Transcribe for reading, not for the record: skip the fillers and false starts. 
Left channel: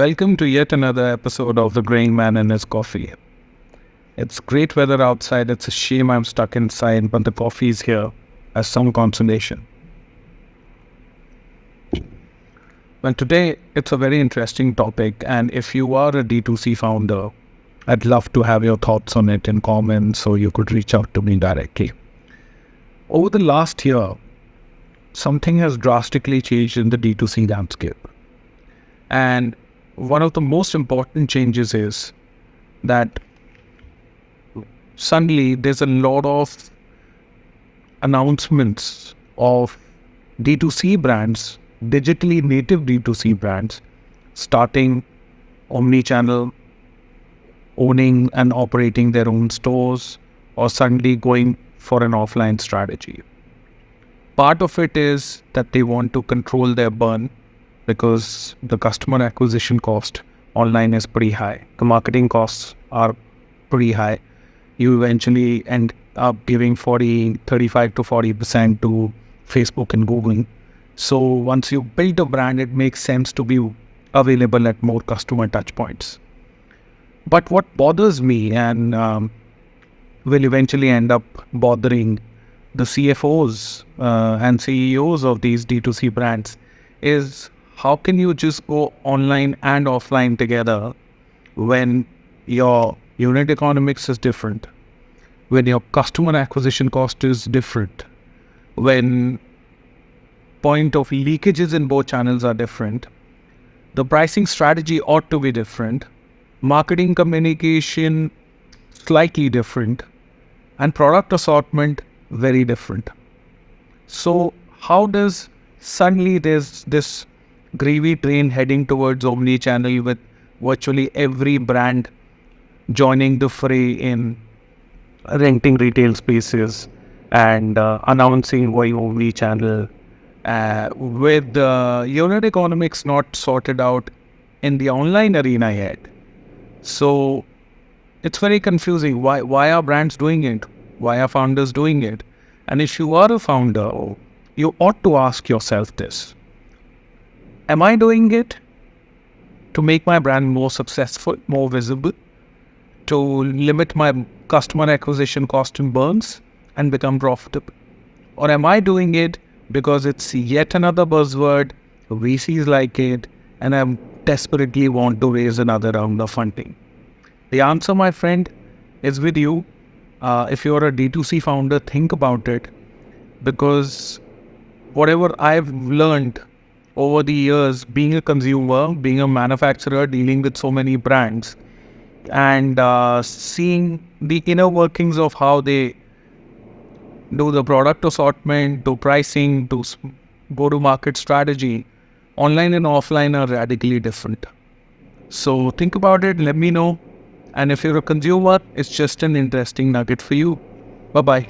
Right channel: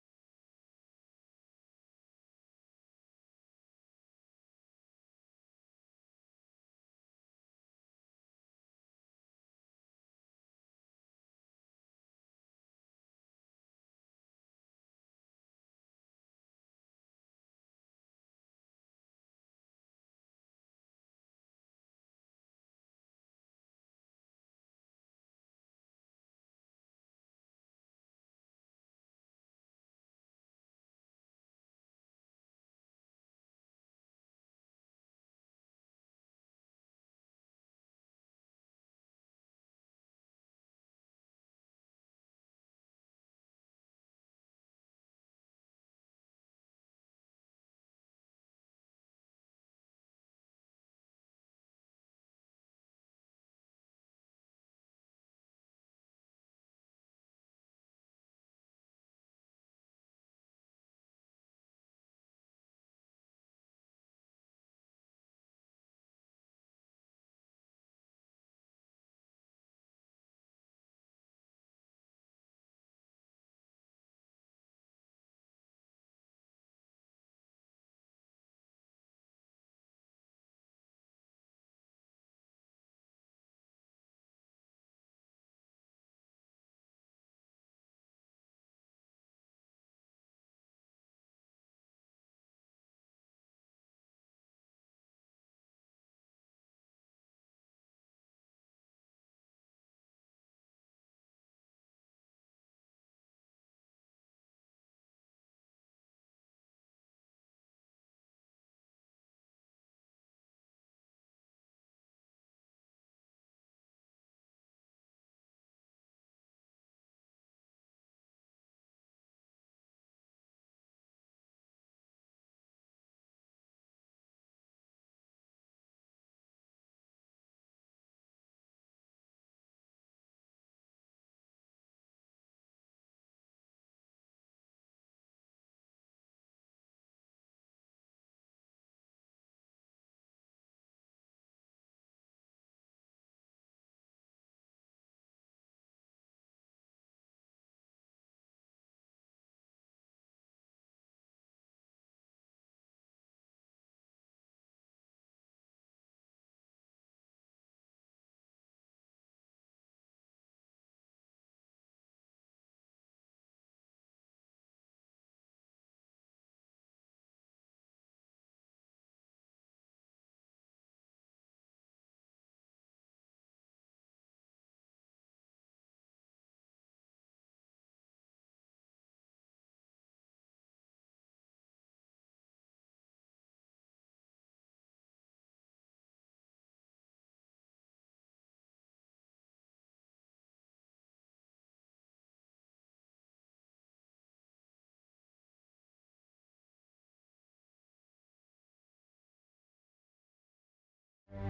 Welcome to yet another episode of The Grain Man and His Coffee. It's great weather outside. It's a shame I'm stuck inside, but the coffee is here as some consolation. Well, today it's a very interesting topic, and if you are a D2C founder, I'd love to have your thoughts on it in comments so you could reach out to me directly. Over the last year, something has drastically changed in the D2C landscape. And one of the most important changes is that suddenly there's a lot of announcements of D2C brands, digitally native D2C brands, starting omni-channel, owning and operating their own stores, or suddenly going for an offline strategy. Part of it is that they want to control their burn because the customer acquisition cost online is pretty high. The marketing costs are pretty high. You eventually end up giving 35 to 40% to Facebook and Google. So once you build a brand, it makes sense to be available at more customer touch points. But what bothers me and will eventually end up bothering the CFOs and CEOs of these D2C brands is how can you just go online and offline together when your unit economics is different, when your customer acquisition cost is different, when point of leakages in both channels are different, the pricing strategy ought to be different, marketing communication slightly different, and product assortment very different. So how does suddenly there's this gravy train heading towards omni-channel with virtually every brand joining the fray in renting retail spaces and announcing going omni-channel with unit economics not sorted out in the online arena yet. So it's very confusing. Why are brands doing it? Why are founders doing it? And if you are a founder, you ought to ask yourself this. Am I doing it to make my brand more successful, more visible, to limit my customer acquisition cost and burns and become profitable? Or am I doing it because it's yet another buzzword, VCs like it, and I desperately want to raise another round of funding? The answer, my friend, is with you. If you're a D2C founder, think about it, because whatever I've learned over the years, being a consumer, being a manufacturer, dealing with so many brands, and seeing the inner workings of how they do the product assortment, do pricing, do go-to-market strategy, online and offline are radically different. So think about it, let me know. And if you're a consumer, it's just an interesting nugget for you. Bye-bye.